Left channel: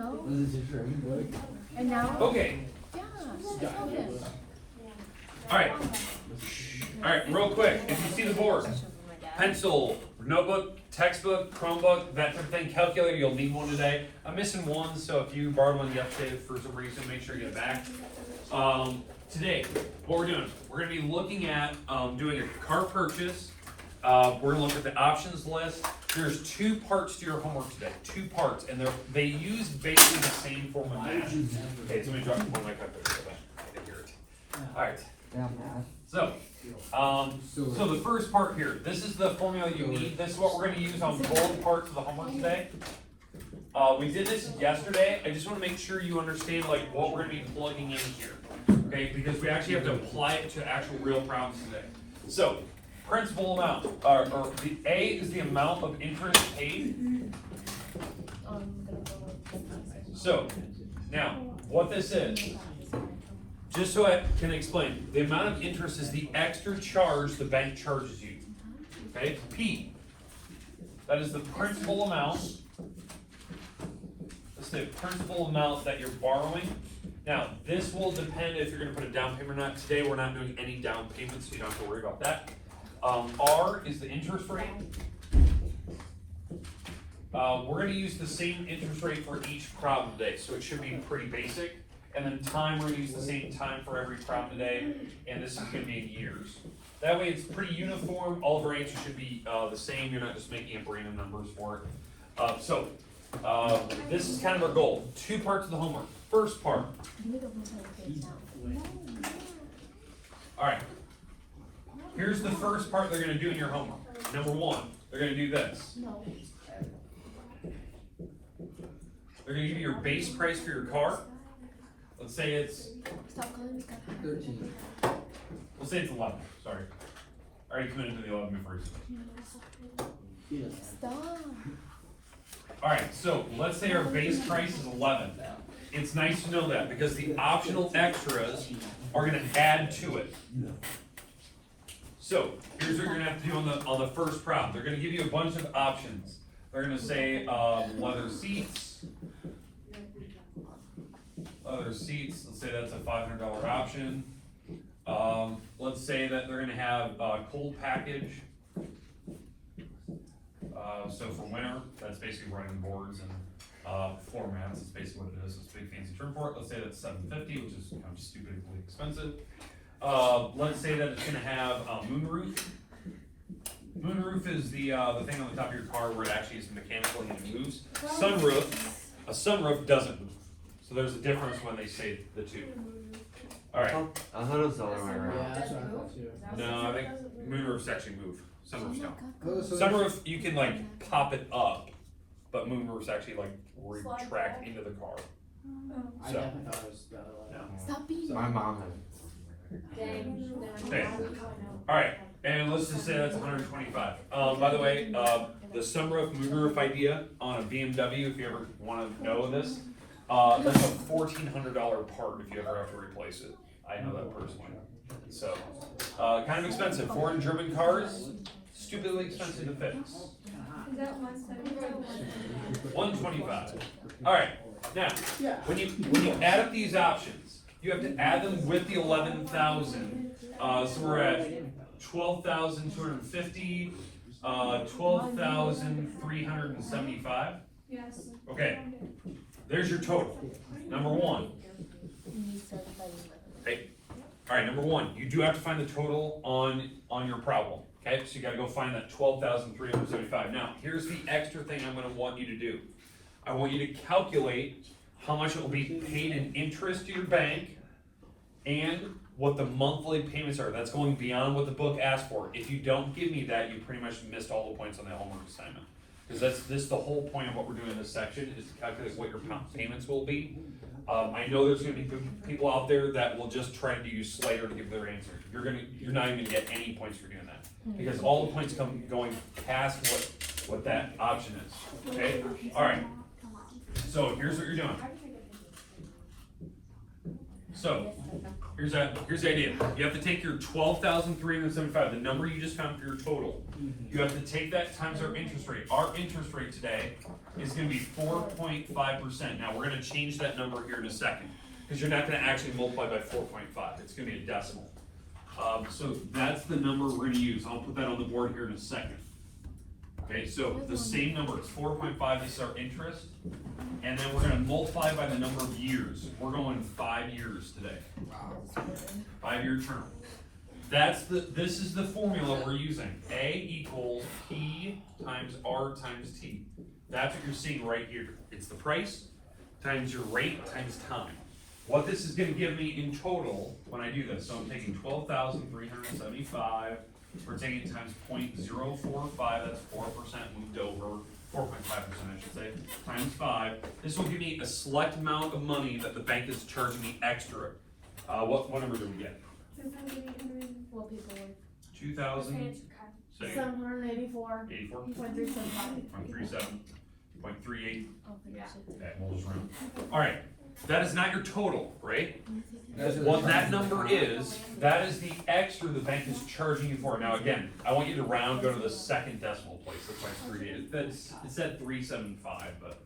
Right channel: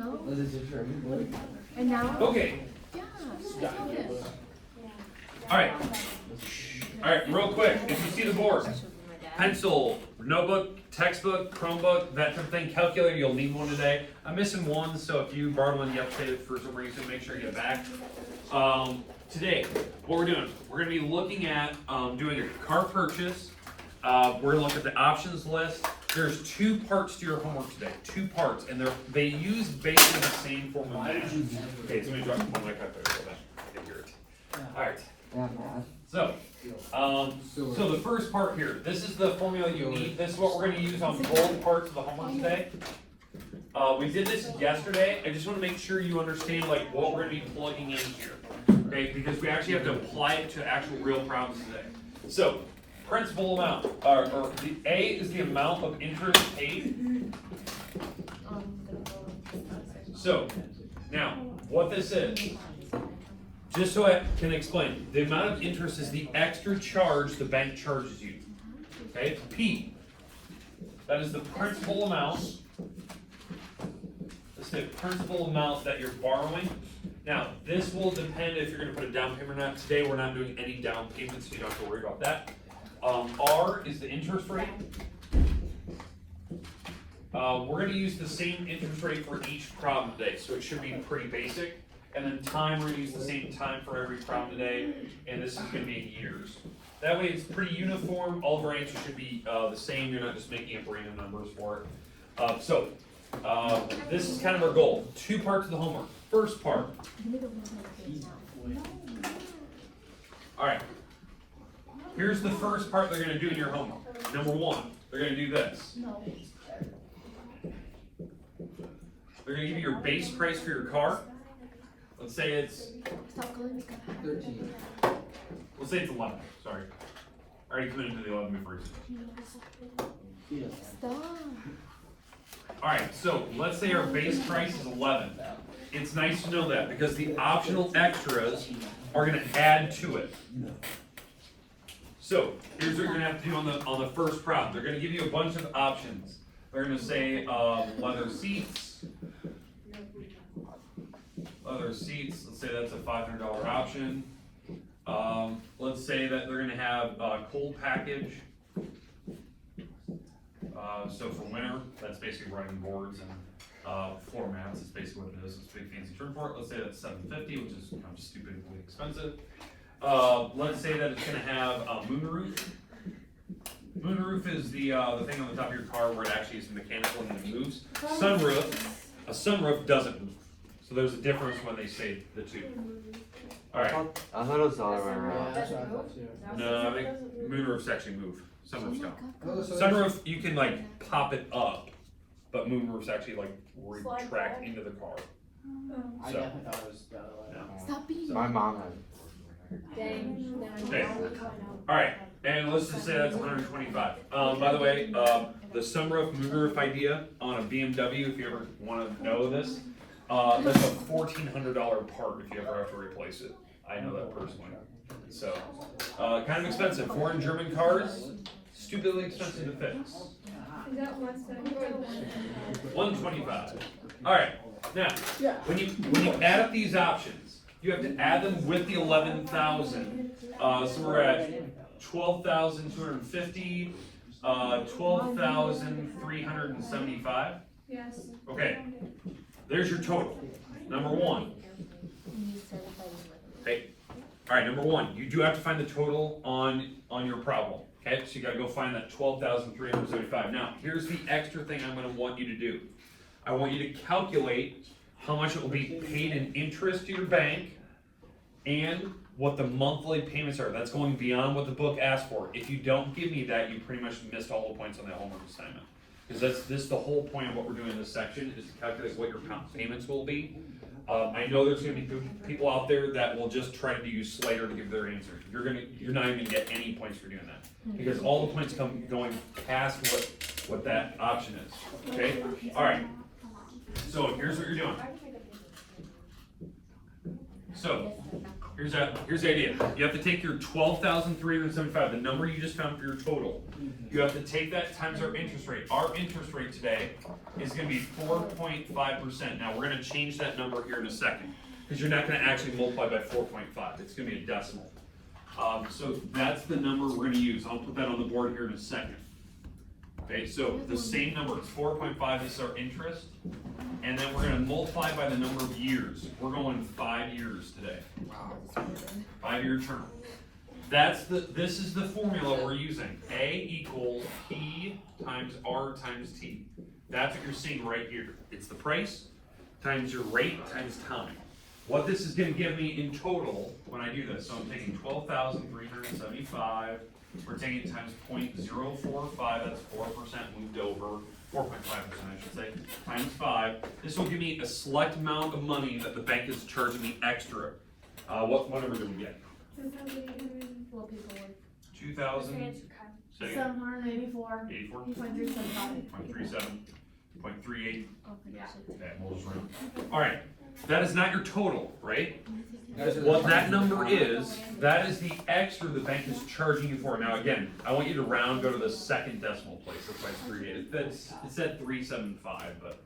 know. And now? Okay. Yeah, I saw this. Alright, real quick, if you see the board, pencil, notebook, textbook, Chromebook, that type of thing, calculator, you'll need one today. I'm missing one, so if you borrowed one yesterday for some reason, make sure you get it back. Today, what we're doing, we're going to be looking at doing a car purchase. We're going to look at the options list. There's 2 parts to your homework today, 2 parts, and they use basically the same form of math. Okay, so let me drop one of my calculator so that I can hear it. Alright, so the first part here, this is the formula you need. This is what we're going to use on both parts of the homework today. We did this yesterday. I just want to make sure you understand like what we're going to be plugging in here. Okay, because we actually have to apply it to actual real problems today. So, principal amount, or the A is the amount of interest paid. So, now, what this is, just so I can explain, the amount of interest is the extra charge the bank charges you. Okay, P, that is the principal amount. That's the principal amount that you're borrowing. Now, this will depend if you're going to put a down payment or not. Today, we're not doing any down payments, so you don't have to worry about that. R is the interest rate. We're going to use the same interest rate for each problem today, so it should be pretty basic. And then time, we're going to use the same time for every problem today, and this is going to be in years. That way, it's pretty uniform. All of our answers should be the same. You're not just making up random numbers for it. This is kind of our goal. 2 parts of the homework. First part. Alright. Here's the first part they're going to do in your homework. Number 1, they're going to do this. They're going to give you your base price for your car. Let's say it's 13. Let's say it's 11. Sorry. I already committed to the 11 before you said. Stop. Alright, so let's say our base price is 11. It's nice to know that because the optional extras are going to add to it. So here's what you're going to have to do on the first problem. They're going to give you a bunch of options. They're going to say leather seats. Leather seats, let's say that's a $500 option. Let's say that they're going to have a cold package. So for winter, that's basically running boards and floor mats. It's basically what it is. It's a big fancy term for it. Let's say that's $750, which is kind of stupidly expensive. Let's say that it's going to have a moonroof. Moonroof is the thing on the top of your car where it actually is mechanical and it moves. Sunroof, a sunroof doesn't move. So there's a difference when they say the two. All right. I thought it was the other way around. No, I think moonroofs actually move. Sunroofs don't. Sunroof, you can like pop it up, but moonroofs actually like retract into the car. So, Stop being. My mom okay. All right, and let's just say that's 125. By the way, the sunroof moonroof idea on a BMW, if you ever want to know this, that's a $1,400 part if you ever have to replace it. I know that personally. So, kind of expensive. Foreign German cars, stupidly expensive to fix. Is that 175? 125. All right. Now, when you add up these options, you have to add them with the 11,000. So we're at 12,250, 12,375. Yes. Okay. There's your total. Number 1. Okay. All right. Number 1. You do have to find the total on your problem. Okay. So you got to go find that 12,375. Now, here's the extra thing I'm going to want you to do. I want you to calculate how much it will be paid in interest to your bank and what the monthly payments are. That's going beyond what the book asked for. If you don't give me that, you pretty much missed all the points on the homework assignment. Because this is the whole point of what we're doing in this section is to calculate what your payments will be. I know there's going to be people out there that will just try to use Slater to give their answer. You're not even going to get any points for doing that because all the points come going past what that option is. Okay. All right. So here's what you're doing. So Here's the idea. You have to take your 12,375, the number you just found for your total. You have to take that times our interest rate. Our interest rate today is gonna be 4.5%. Now, we're gonna change that number here in a second, because you're not gonna actually multiply by 4.5. It's gonna be a decimal. So that's the number we're gonna use. I'll put that on the board here in a second. Okay, so the same number, it's 4.5, this is our interest, and then we're gonna multiply by the number of years. We're going 5 years today. 5-year term. This is the formula we're using. A equals P times R times T. That's what you're seeing right here. It's the price times your rate times time. What this is gonna give me in total when I do this, so I'm taking 12,375, we're taking it times 0.045, that's 4% moved over, 4.5% I should say, times 5. This will give me a select amount of money that the bank is charging me extra. What number do we get? 2,800. What people would. 2,000, say, 784. 84, 0.375. 0.37, 0.38. Yeah. Okay, we'll just round. All right, that is not your total, right? What that number is, that is the extra the bank is charging you for. Now again, I want you to round, go to the second decimal place, that's why it's 38. It said 375, but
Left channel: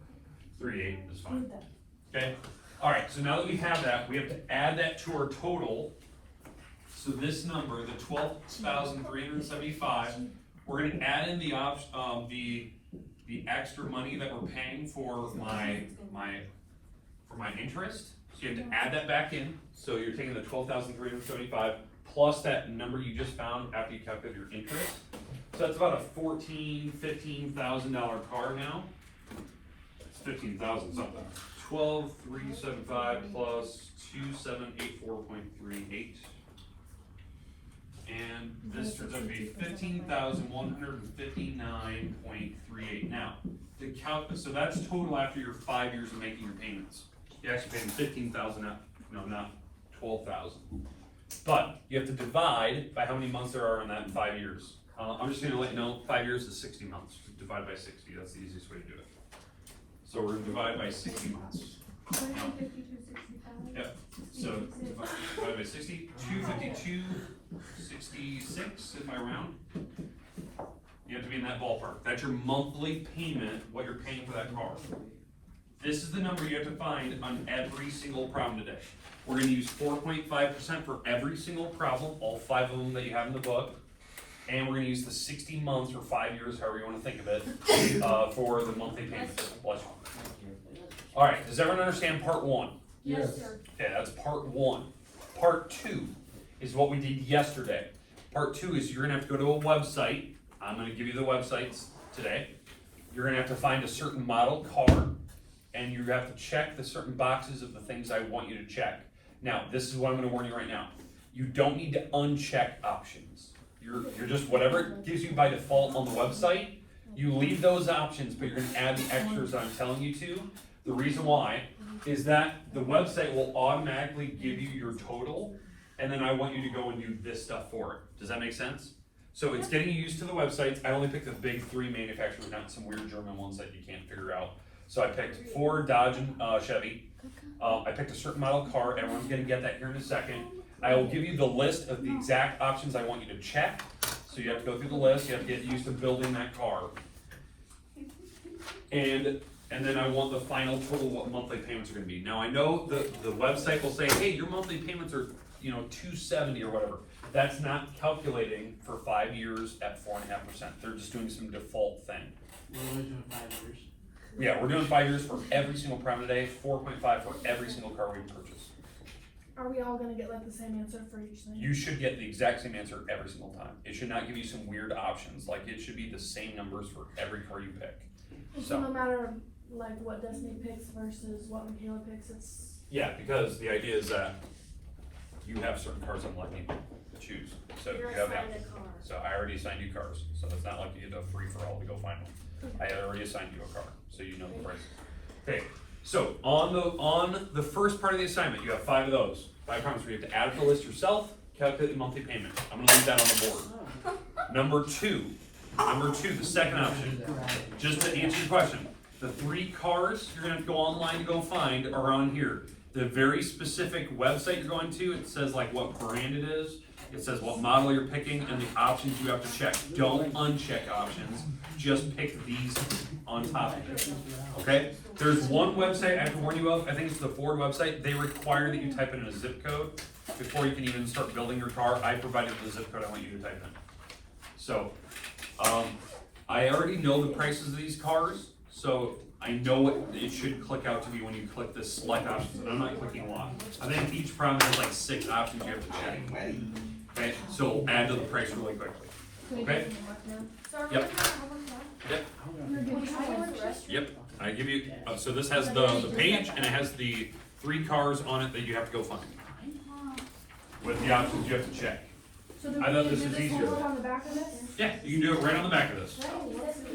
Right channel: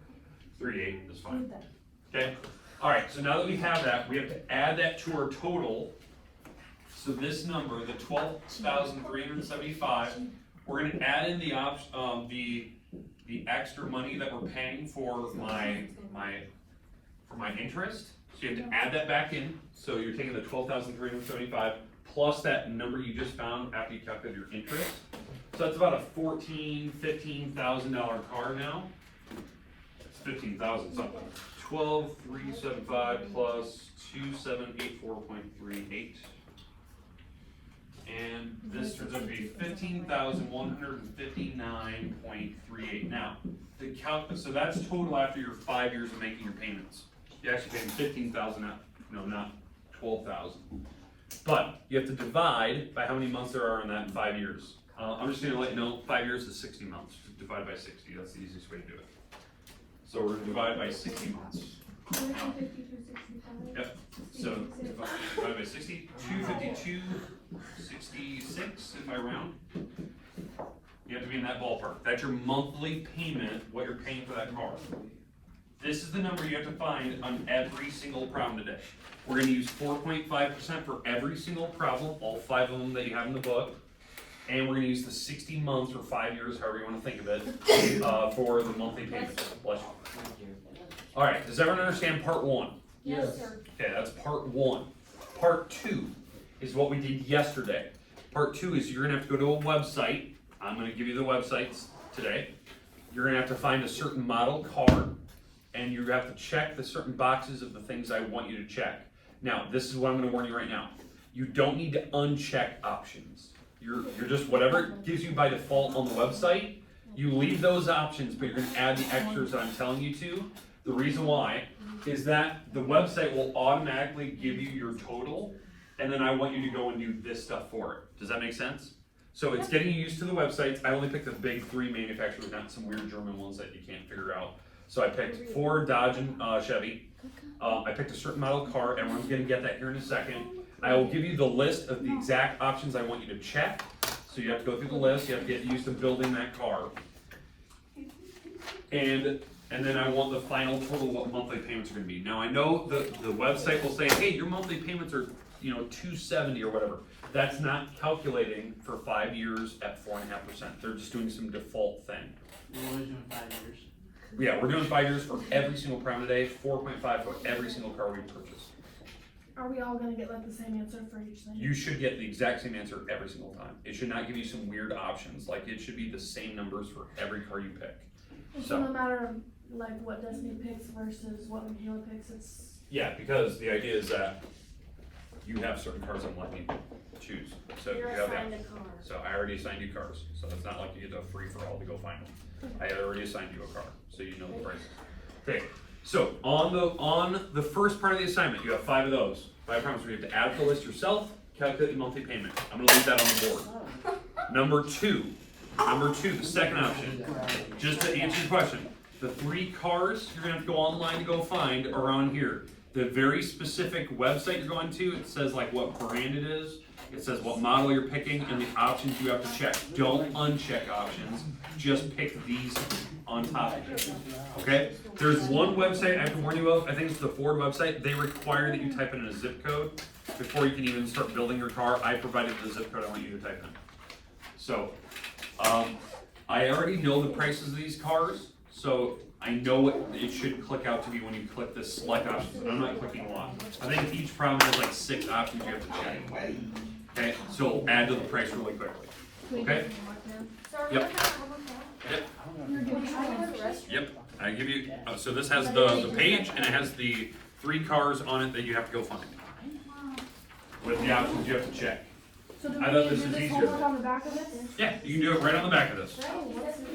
38 is fine. Okay, all right, so now that we have that, we have to add that to our total. So this number, the 12,375, we're gonna add in the extra money that we're paying for my interest. So you have to add that back in. So you're taking the 12,375 plus that number you just found after you calculate your interest. So that's about a $15,000 car now. It's 15,000 something. 12,375 plus 2,784.38. And this turns out to be 15,159.38. Now, so that's total after your 5 years of making your payments. You actually paying 15,000 out, no, not 12,000. But you have to divide by how many months there are in that in 5 years. I'm just gonna let you know, 5 years is 60 months. Divide by 60, that's the easiest way to do it. So we're gonna divide by 60 months. 252.65. Yep, so divide by 60, 252.66 if I round. You have to be in that ballpark. That's your monthly payment, what you're paying for that car. This is the number you have to find on every single problem today. We're gonna use 4.5% for every single problem, all 5 of them that you have in the book. And we're gonna use the 60 months or 5 years, however you wanna think of it, for the monthly payment. Bless you. All right, does everyone understand part 1? Yes, sir. Okay, that's part 1. Part 2 is what we did yesterday. Part 2 is you're gonna have to go to a website. I'm gonna give you the websites today. You're gonna have to find a certain model car, and you have to check the certain boxes of the things I want you to check. Now, this is what I'm gonna warn you right now. You don't need to uncheck options. You're just, whatever it gives you by default on the website, you leave those options, but you're gonna add the extras that I'm telling you to. The reason why is that the website will automatically give you your total, and then I want you to go and do this stuff for it. Does that make sense? So it's getting you used to the websites. I only picked the big 3 manufacturers, not some weird German ones that you can't figure out. So I picked Ford, Dodge, and Chevy. I picked a certain model car. Everyone's gonna get that here in a second. I will give you the list of the exact options I want you to check. So you have to go through the list. You have to get used to building that car. And then I want the final total what monthly payments are gonna be. Now I know the website will say, hey, your monthly payments are $270 or whatever. That's not calculating for 5 years at 4.5%. They're just doing some default thing. We're only doing 5 years. Yeah, we're doing 5 years for every single prime today, 4.5 for every single car we purchase. Are we all gonna get like the same answer for each thing? You should get the exact same answer every single time. It should not give you some weird options. Like, it should be the same numbers for every car you pick. So no matter like what Destiny picks versus what Michaela picks, it's Yeah, because the idea is that you have certain cars I'm letting you choose. So you have that. So I already assigned you cars. So it's not like you get a free for all to go find them. I already assigned you a car, so you know the prices. Okay, so on the first part of the assignment, you have 5 of those. 5 comments where you have to add up the list yourself, calculate the monthly payment. I'm gonna leave that on the board. Number two, the second option, just to answer your question, the 3 cars you're gonna have to go online to go find are on here. the very specific website you're going to, it says like what brand it is, it says what model you're picking, and the options you have to check. Don't uncheck options, just pick these on top of it, okay? There's one website I have to warn you of, I think it's the Ford website, they require that you type in a zip code before you can even start building your car. I provided the zip code I want you to type in. So, I already know the prices of these cars, so I know what it should click out to be when you click this select options, and I'm not clicking a lot. I think each problem has like 6 options you have to check. Okay, so it'll add to the price really quickly. Okay? Yep. Yep. Yep. I give you, so this has the page, and it has the 3 cars on it that you have to go find. With the options you have to check. So do I thought this do was this easier. homework on the back of this? Yeah, you can do it right on the back of this.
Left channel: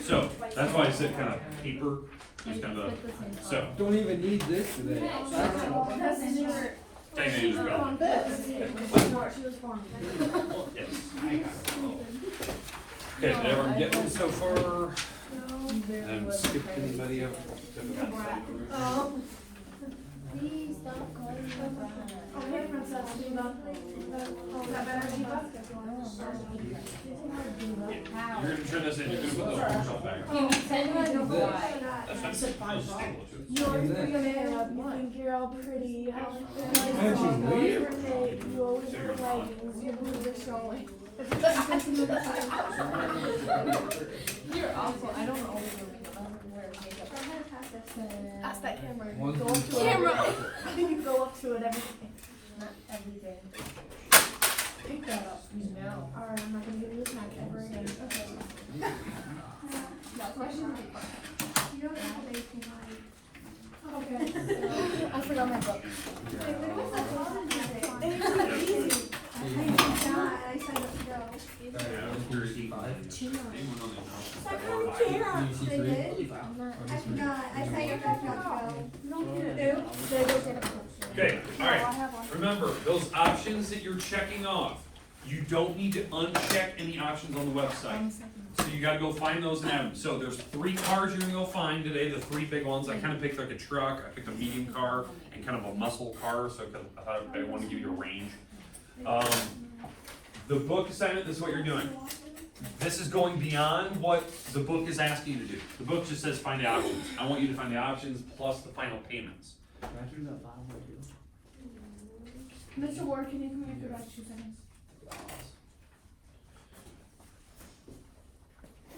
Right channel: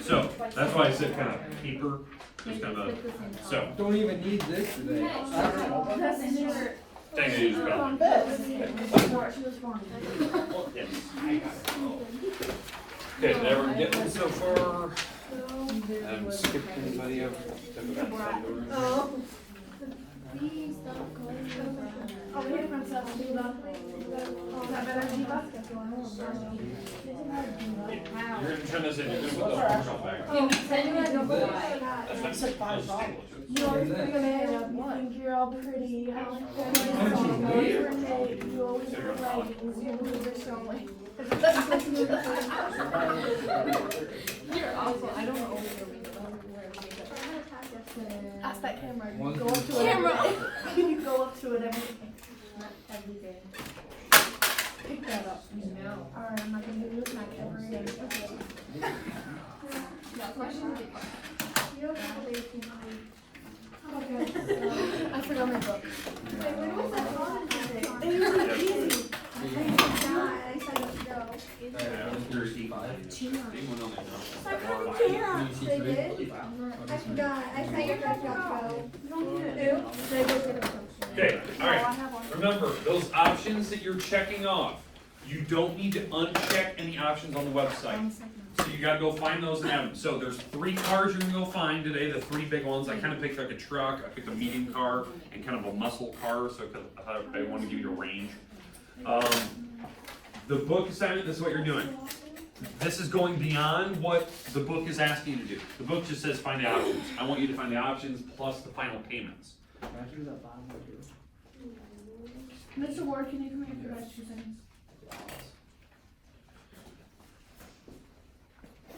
So, that's why I said kind of paper, just kind of, so. Don't even need this today. Thank you, Isabel. She was born. Yes. Okay, did everyone get one so far? And skip anybody over? Oh. Please don't call me Oh, hey, Princess, Diva. Oh, that better be basketball. You're gonna turn this in, you're gonna put the arms on back. Oh, Send me the boy. That's it. you always bring a man up, you think you're all pretty, you have your cake, you always wear leggings, you move your showing. You're awful. I don't always wear makeup. Ask that camera, you go up to it. Camera. You go up to it every day. Not every day. Pick that up. No. Alright, I'm not gonna give you a snack every day. Okay. Okay. I forgot my book. Here's the. Okay, alright, remember, those options that you're checking off, you don't need to uncheck any options on the website. So you gotta go find those and add them. So there's 3 cars you're gonna go find today, the 3 big ones. I kinda picked like a truck, I picked a medium car, and kind of a muscle car, so I thought I wanted to give you a range. The book assignment, this is what you're doing. This is going beyond what the book is asking you to do. The book just says find the options. I want you to find the options plus the final payments. Mr. Ward, can you come here for about 2 seconds?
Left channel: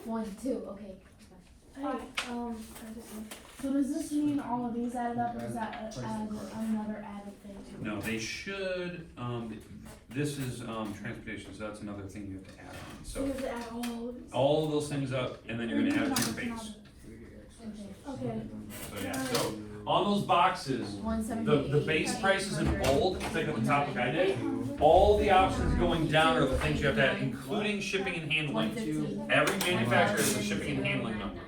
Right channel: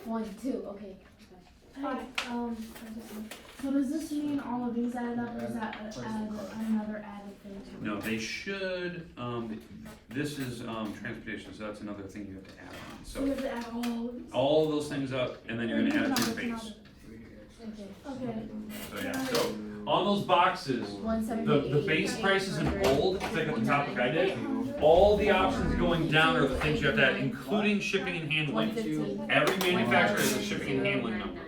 1, 2, okay. So does this mean all of these added up, or is that another added thing to it? No, they should, this is, transportation, so that's another thing you have to add on. So So does it add all of these? all of those things up, and then you're gonna add it to the base. Okay. So yeah, so on those boxes, the base price is in bold, click at the top like I did. All the options going down are the things you have to add, including shipping and handling. 115. Every manufacturer has a shipping and handling number.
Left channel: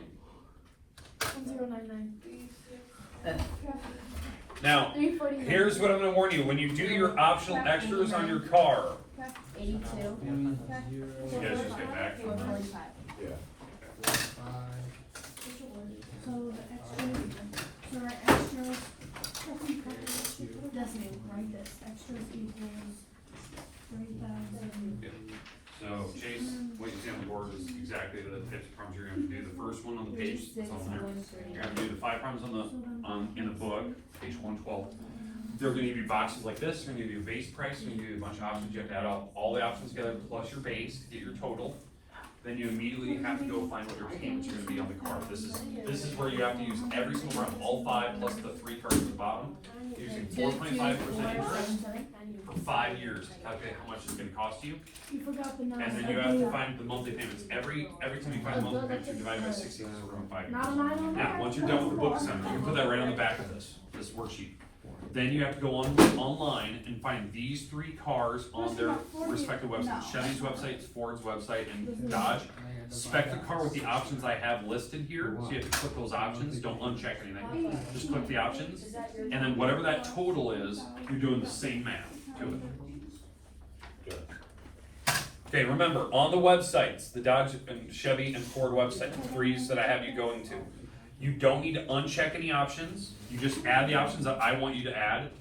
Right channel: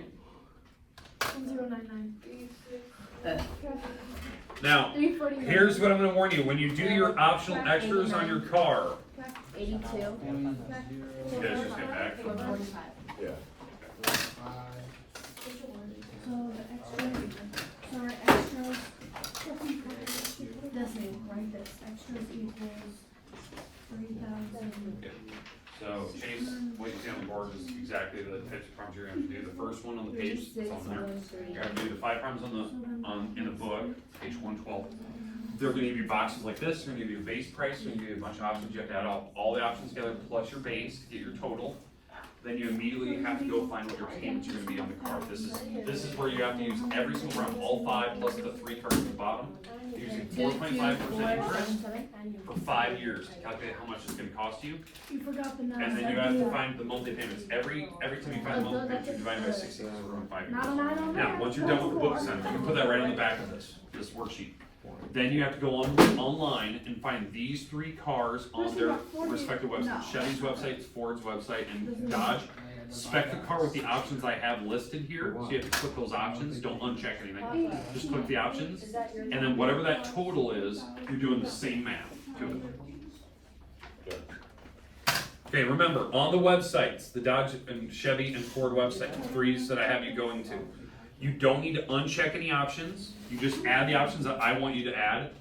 1099. Now, 349. here's what I'm gonna warn you, when you do your optional extras on your car, 82. you guys just get back from 145. So the extras, so our extras, this name, right, this, extras equals 3,000. So Chase, what you see on the board is exactly the types of problems you're gonna do. The first one on the page, it's on there. You're gonna do the 5 problems in the book, page 112. They're gonna give you boxes like this, they're gonna give you a base price, they're gonna give you a bunch of options. You have to add all the options together plus your base to get your total. Then you immediately have to go find what your payments are gonna be on the card. This is where you have to use every single round, all 5 plus the 3 cards at the bottom, using 4.5% interest for 5 years to calculate how much it's gonna cost you. You forgot the numbers. And then you have to find the monthly payments. Every time you find the monthly payments, you divide by 60 over 5 Not years. an item on Now, there. once you're done with the book assignment, you can put that right on the back of this worksheet. Then you have to go online and find these 3 cars on their respective websites. Chevy's website, Ford's website, and Dodge. Spec the car with the options I have listed here, so you have to click those options, don't uncheck anything. Just click the options, and then whatever that total is, you're doing the same math to it. Okay, remember, on the websites, the Dodge and Chevy and Ford website, the 3s that I have you going to, You don't need to uncheck any options. You just add the options that I want you to add.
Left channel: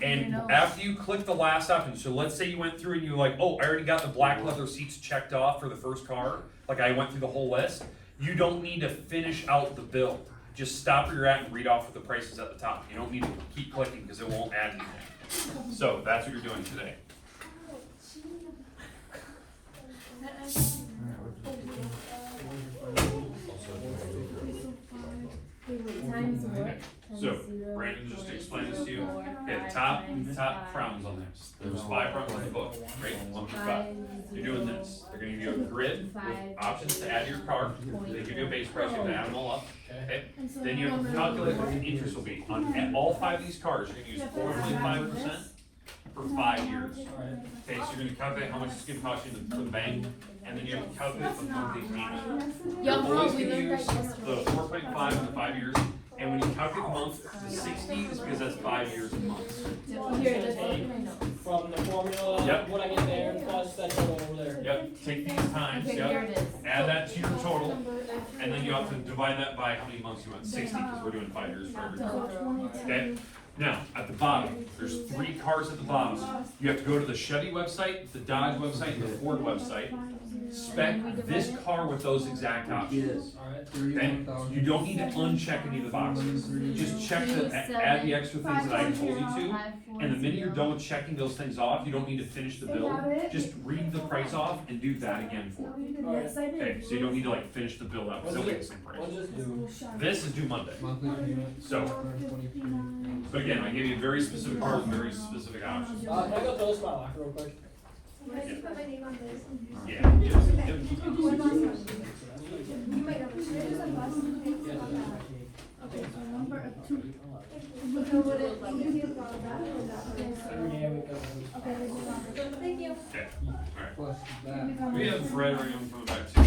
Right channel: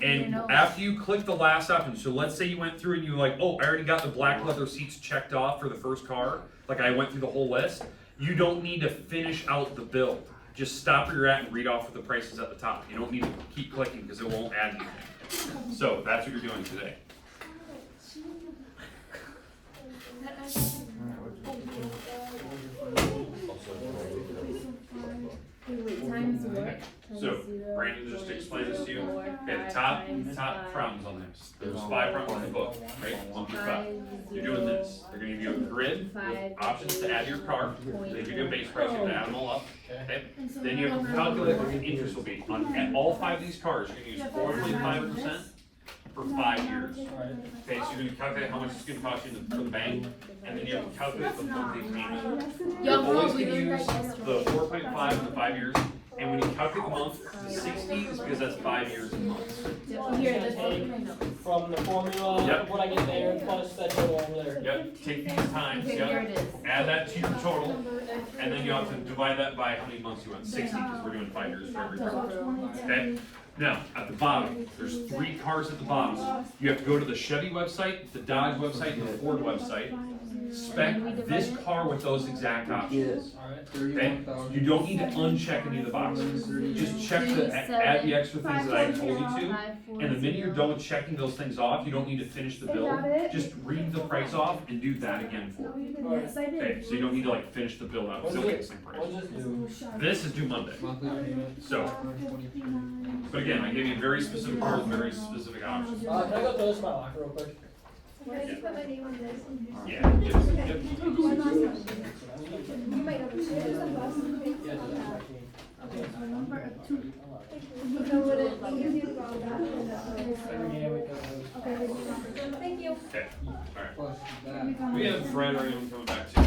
And after you click the last option, so let's say you went through and you were like, oh, I already got the black leather seats checked off for the first car. Like I went through the whole list. You don't need to finish out the bill. Just stop where you're at and read off the prices at the top. You don't need to keep clicking because it won't add anything. So that's what you're doing today. Times what? So Brandon just explained this to you. Okay, the top problems on this. There's 5 problems in the book, right? 1 through 5. You're doing this. They're gonna give you a grid with options to add to your car. They give you a base price, you have to add them all up. Okay? Then you have to calculate what the interest will be. On all 5 of these cars, you're gonna use 4.5% for 5 years. Okay, so you're gonna calculate how much it's gonna cost you for the bank, and then you have to calculate the monthly payment. You're always gonna use the 4.5 for the 5 years, and when you calculate the month, the 60 is because that's 5 years in months. Here, let's look at my notes. From the formula, Yep. what I get there, plus that total over there. Yep, take these times, Okay, here yep, it is. add that to your total, and then you have to divide that by how many months you want, 60, because we're doing 5 years for every car. Okay? Now, at the bottom, there's 3 cars at the bottom. You have to go to the Chevy website, the Dodge website, and the Ford website. Spec this car with those exact options. Okay? You don't need to uncheck any of the boxes. Just check the, add the extra things that I told you to. And the minute you're done with checking those things off, you don't need to finish the bill. Just read the price off and do that again for me. Okay, so you don't need to like finish the bill out, because it'll get the same price. We'll just do. This is due Monday. So, but again, I gave you very specific cars and very specific options. Can I go throw this in my locker real quick? Can I just put my name on this? Yeah. You might have a choice of us. Okay, so number 2. So would it give you about that? Okay, thank you. Okay, alright. We have Fred or even coming back too.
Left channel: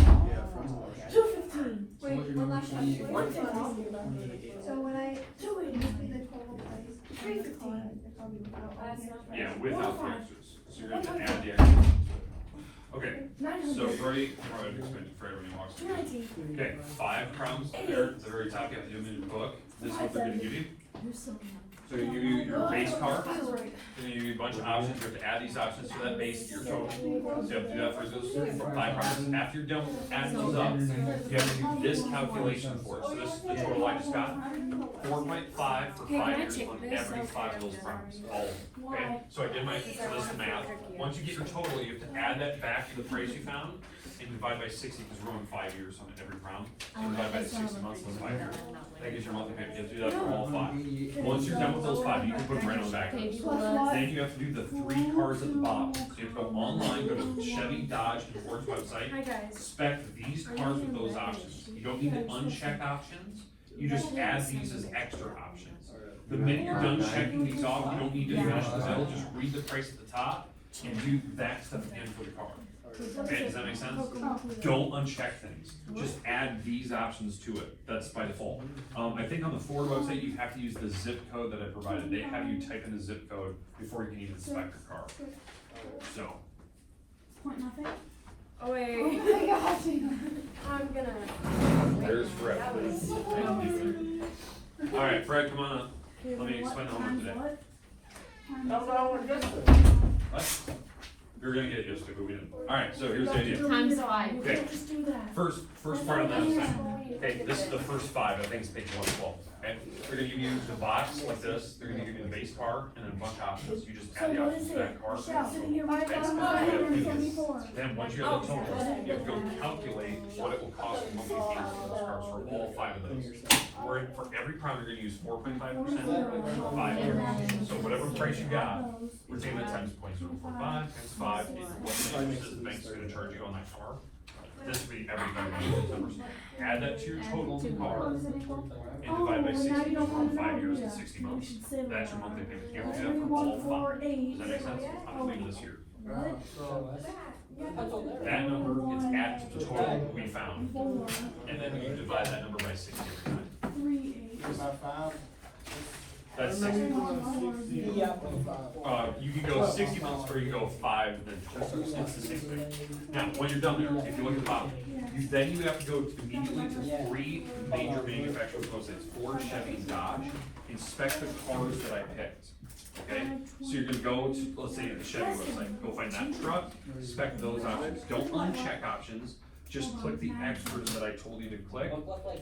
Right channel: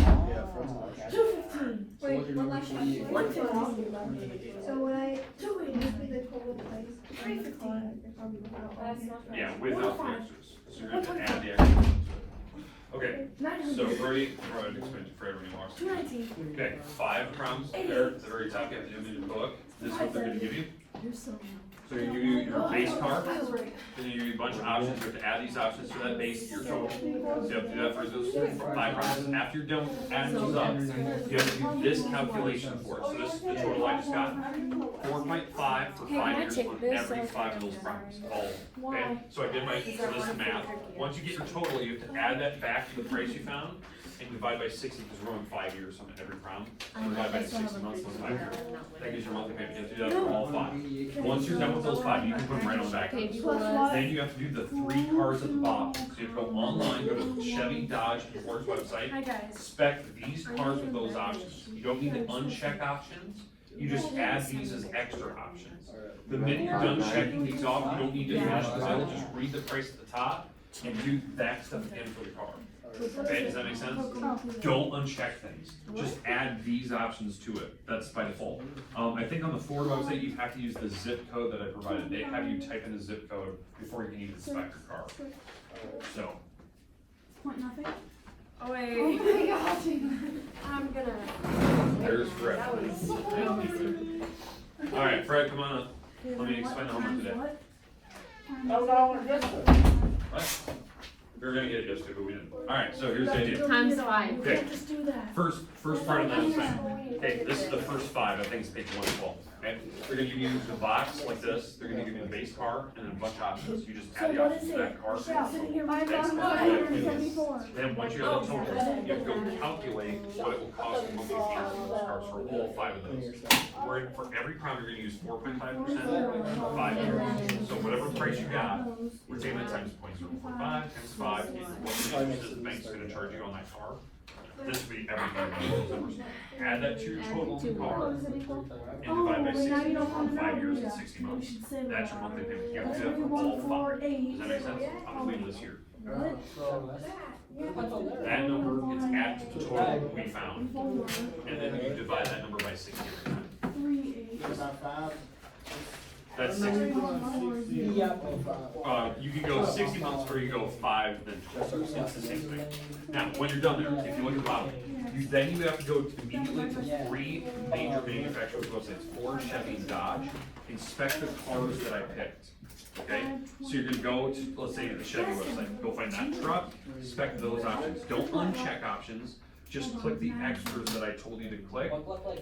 215. Wait, one last question. 150. So when I do it, just be the total price. 315. Yeah, without the extras. So you're going to add the extras to it. Okay, so Brody, I'd explain it for everyone who walks through. 219. Okay, 5 problems there at the very top. You have to do them in your book. This is what they're going to give you. So you give you your base car, then you give you a bunch of options. You have to add these options to that base to your total. So you have to do that for those 5 problems. After you're done with adding those up, you have to do this calculation for it. So this is the total I just got. 4.5 for 5 years on every 5 of those problems. All of them. Okay? So I did my, so this is math. Once you get your total, you have to add that back to the price you found and divide by 60 because we're going 5 years on every problem. So divide by 60 months is 5 years. That gives your monthly payment. You have to do that for all 5. Once you're done with those 5, you can put them right on the back. Then you have to do the 3 cars at the bottom. So you go online, go to Chevy, Dodge, and Ford's website, spec these cars with those options. You don't need to uncheck options. You just add these as extra options. The minute you're done checking these off, you don't need to finish the bill. Just read the price at the top and do that stuff again for the car. Okay, does that make sense? Don't uncheck things. Just add these options to it. That's by default. I think on the Ford website, you have to use the zip code that I provided. They have you type in the zip code before you can even spec your car. So. Point nothing. Oh wait. Oh my gosh. I'm gonna. There's Fred. Alright, Fred, come on up. Let me explain the homework today. What? We were gonna get it yesterday, but we didn't. Alright, so here's the idea. Times 5. Okay. Just do that. First part of that is thing. Okay, this is the first 5. I think it's page 112. Okay, they're gonna give you the box like this. They're gonna give you the base car and then a bunch of options. You just add the options to that car. Then once you have the total, you have to go calculate what it will cost you monthly payment for those cars for all 5 of those. Where for every prime you're gonna use 4.5% for 5 years. So whatever price you got, we're taking that times 0.045 times 5. What the interest is the bank's gonna charge you on that car. This will be every 5 years. Add that to your total car and divide by 60 because we're on 5 years and 60 months. That's your monthly payment. You have to do that for all 5. Does that make sense? I'm gonna leave this here. That number is added to the total that we found. And then you divide that number by 60 every time. That's 60. Yeah. You can go 60 months or you can go 5 then 12. It's the same thing. Now, when you're done there, if you look at the bottom, then you have to go immediately to 3 major manufacturers websites, Ford, Chevy, and Dodge. Inspect the cars that I picked. Okay? So you're gonna go to, let's say, the Chevy website, go find that truck, inspect those options. Don't uncheck options. Just click the extras that I told you to click,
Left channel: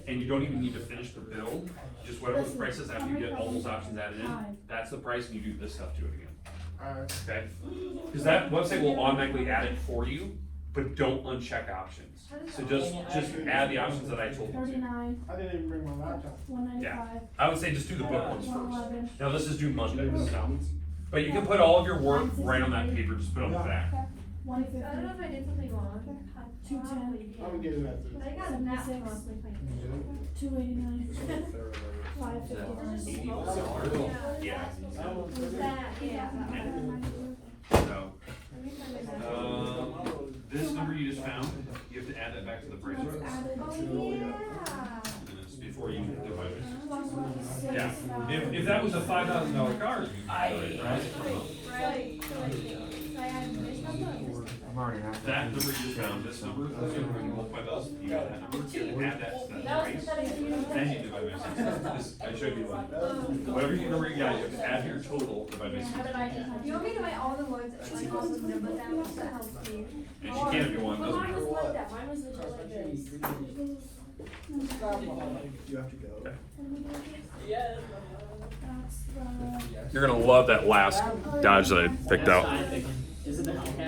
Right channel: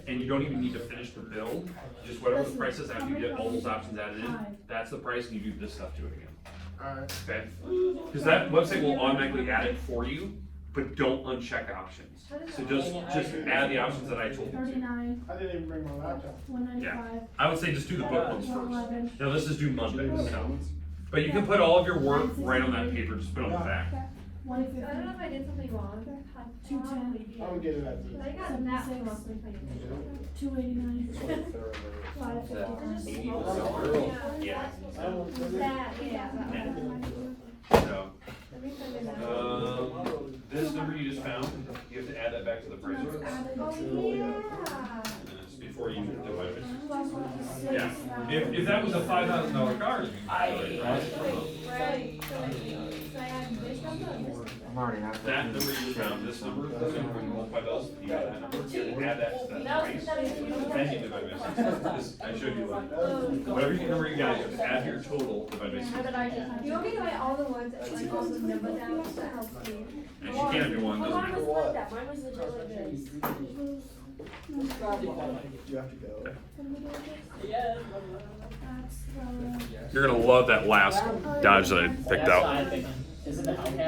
and you don't even need to finish the build. Just whatever the price is after you get all those options added in, that's the price, and you do this stuff to it again. Okay? Because that website will automatically add it for you, but don't uncheck options. So just add the options that I told you to. 39, I didn't even bring my laptop. 195. I would say just do the book ones first. 111. Now this is due Monday, so. But you can put all of your work right on that paper, just put it on the back. 150. I don't know if I did something wrong. 210. I'll get it at the. I got that from my 289. 559. Yeah. That, yeah. So, this number you just found, you have to add that back to the price. Before you divide it. Yeah, if that was a $5,000 car, you'd be right? That number you just found, this number, when you multiply those, you got that number, you have to add that to that price. Then you divide by 60. I showed you whatever number you got, you have to add your total, divide by 60. You want me to write all the ones that like all the numbers down, so that helps me? And she can if you want, doesn't Mine matter. was like that, mine was legit like this. You have to go. Yeah. You're gonna love that last Dodge that I picked That's out. fine. Is it the